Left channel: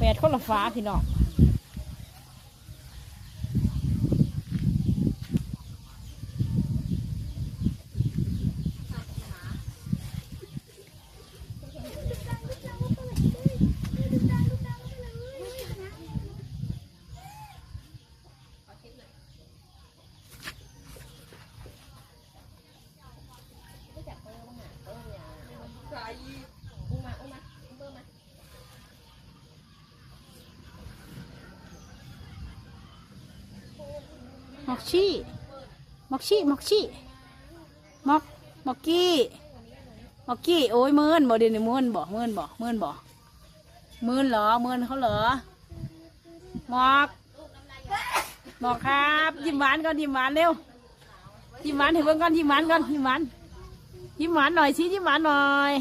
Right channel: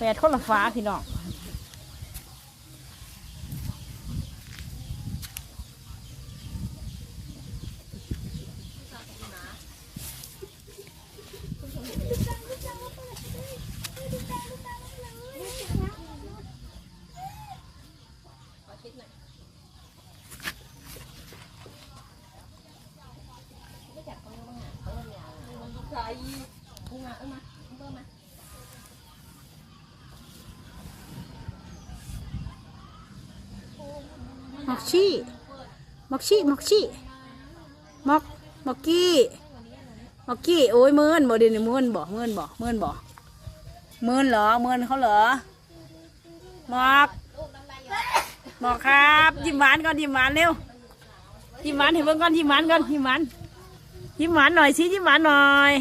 แปดคนละฟ้าพี่น้องมักชี่มักชี่มักชี่มักกี้โอ้ยเมินบ่เดี๋ยวนี้เมินบ่เหรอเมินเขาเหรอบอกครับยิ้มหวานก่อนยิ้มหวานเร็วยิ้มหวานให้เบิ่งก่อนยิ้มหวานหน่อยสิยิ้มหวานหน่อย